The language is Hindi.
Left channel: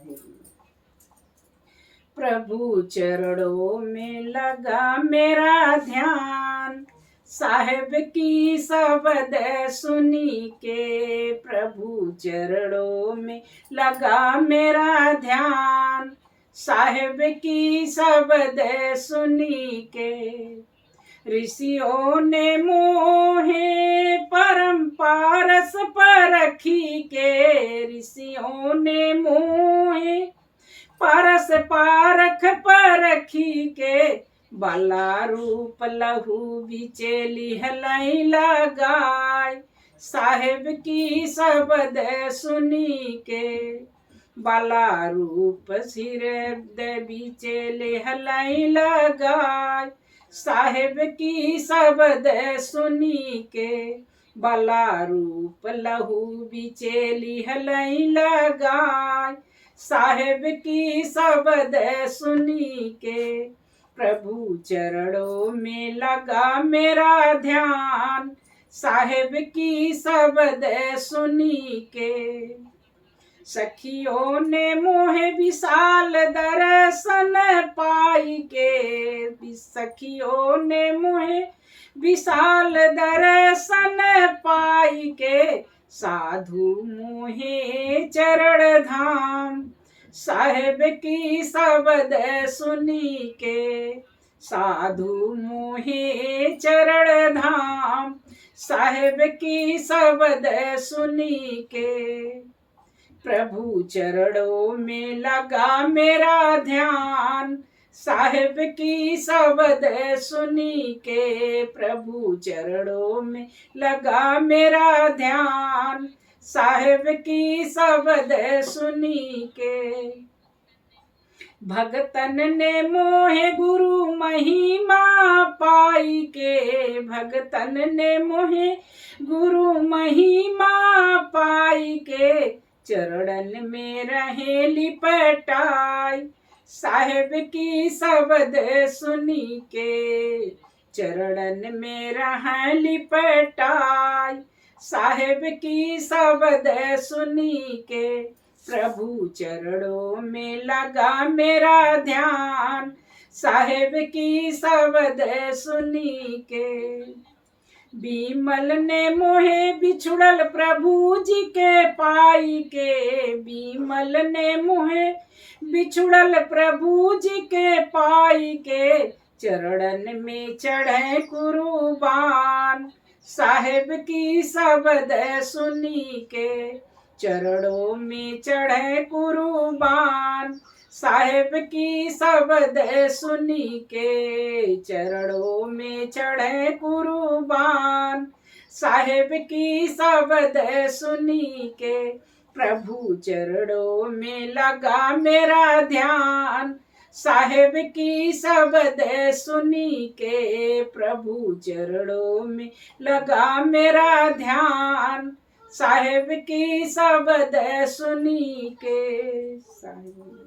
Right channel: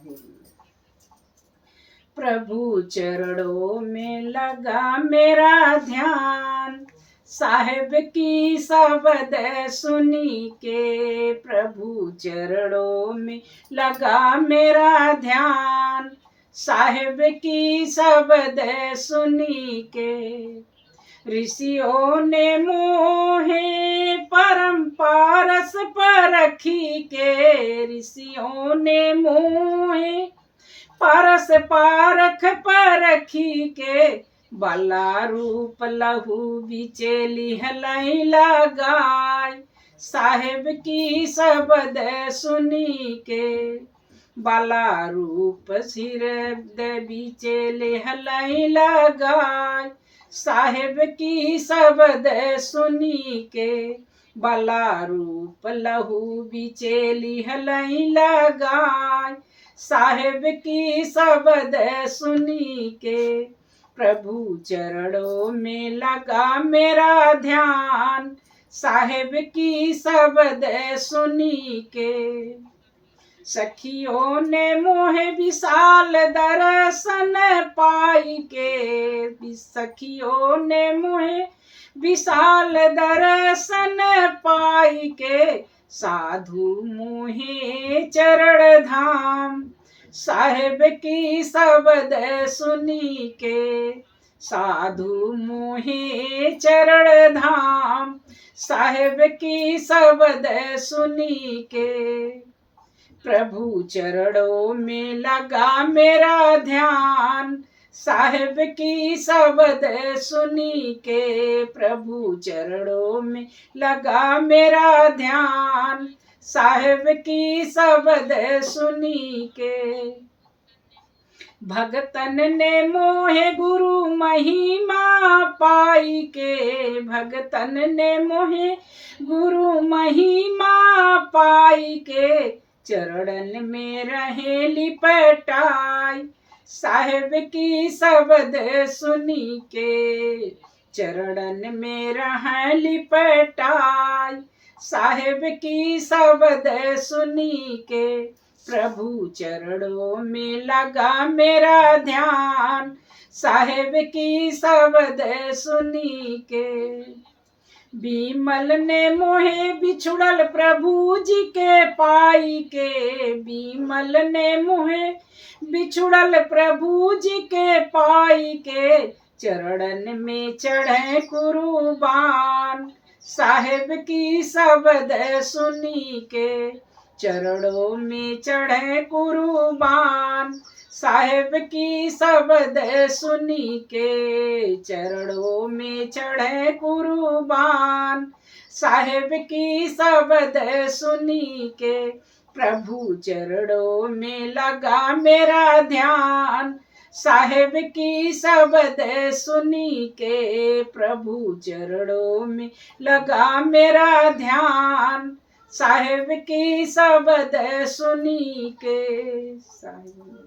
साहिब। प्रभु चरणों में लगा मेरा ध्यान, साहिब की शब्द सुनी के। प्रभु चरणों में लगा मेरा ध्यान, साहिब की शब्द सुनी के। ऋषियों ने मोहे परम पारस परखी के। ऋषियों ने मोहे परस पारख परखी के। बाला रूप लहू बिचे लिहलई लगाय, साहिब की शब्द सुनी के। बाला रूप सिर बिचे लिहलई लगाय, साहिब की शब्द सुनी के। बाला रूप लहू बिचे लिहलई लगाय, साहिब की शब्द सुनी के। प्रभु चरणों में लगा मेरा ध्यान, साहिब की शब्द सुनी के। सखियों ने मोहे विशाल दर्शन पाई के। सखियों ने मोहे विशाल दर्शन पाई के। साधु मोहे चरण धाम, साहिब की शब्द सुनी के। साधु मोहे चरण धाम, साहिब की शब्द सुनी के। प्रभु चरणों में लगा मेरा ध्यान, साहिब की शब्द सुनी के। प्रभु चरणों में लगा मेरा ध्यान, साहिब की शब्द सुनी के। भगतन ने मोहे गुरु महिमा पाई के। भगतन ने मोहे गुरु महिमा पाई के। चरणन में रहे लिपटाई, साहिब की शब्द सुनी के। चरणन में रहे लिपटाई, साहिब की शब्द सुनी के। प्रभु चरणों में लगा मेरा ध्यान, साहिब की शब्द सुनी के। बीमल ने मोहे बिछुड़ल प्रभु जी के पाई के। बीमल ने मोहे बिछुड़ल प्रभु जी के पाई के। चरणन में चढ़े कुर्बान, साहिब की शब्द सुनी के। चरणों में चढ़े कुर्बान, साहिब की शब्द सुनी के। चरणों में चढ़े कुर्बान, साहिब की शब्द सुनी के। प्रभु चरणों में लगा मेरा ध्यान, साहिब की शब्द सुनी के। प्रभु चरणों में लगा मेरा ध्यान, साहिब की शब्द सुनी के। साहिब